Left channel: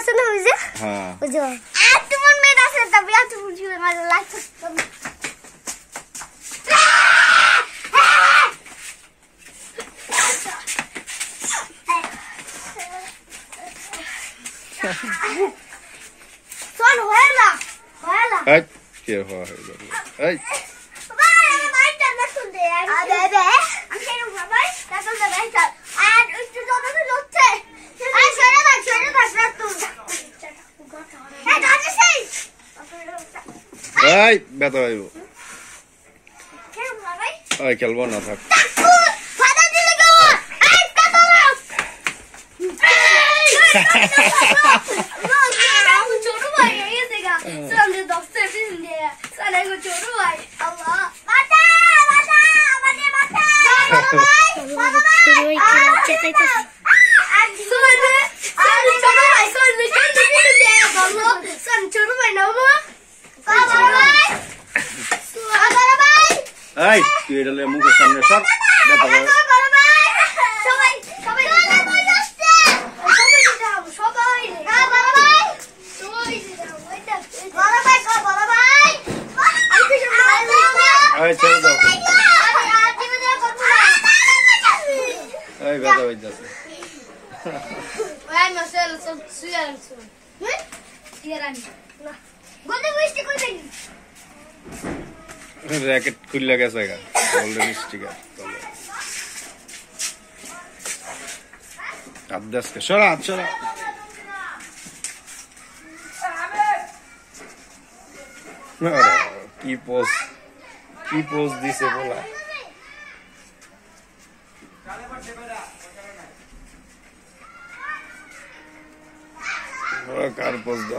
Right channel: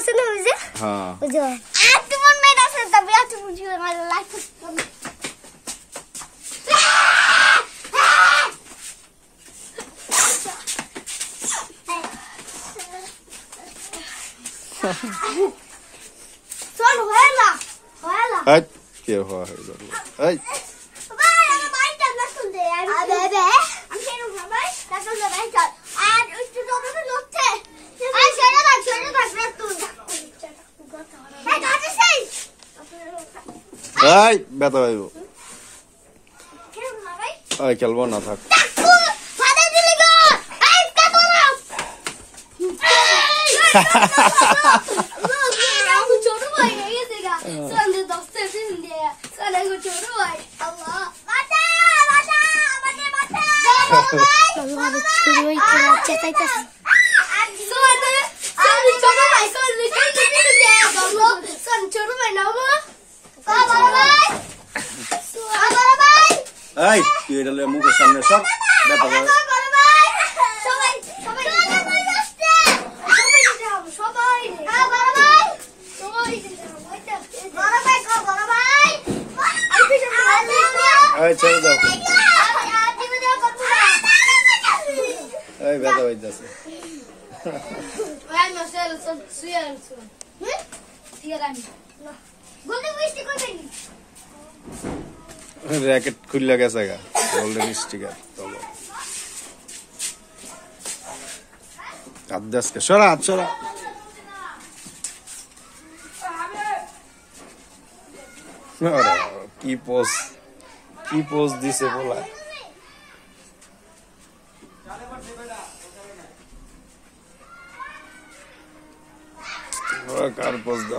আছে না ওই যে হ্যাঁ ওই যে তোমার মেয়ে আছে তবে তুমি বুঝিও না লাইক চল হয়লা এই কে হয় এই ভাই আমার বাইকটা না শুনতে আরে রে আমি কেন ভাই তাতো না ভাই চল আর একটু জোরে লচ্ছে আই সরে থাক না তুই হ্যাঁ দাঁড়া সেই এই ব্যথা হইব কেন ভাই এই খেলবো না থাক ফাদা দিলে গো এই কাটোরা ছোট ভাই এসে গা সন্ধ্যে 10 টা পিন দিয়ে সারে গো ছোট ভাই আল্লাহ মাথা আমাদের মাথা বাবা ভাই খেলাচ্ছে তাইতো আর ছোট ভাই সন্ধ্যে পিন দিয়ে বাবা ছোট ভাই না বাবা ভাই এই তুই এটা লয়ে মুখের সামনে সর ব্যথা হবে এই ছেড়ে দাও এই ব্যথা হইতাছে র্যাকেট খুললে গেছে গা গোল্ডেন স্টিকার তবে আদাসকে সরা কি পোজ দিছে বলা কার পোজ দাও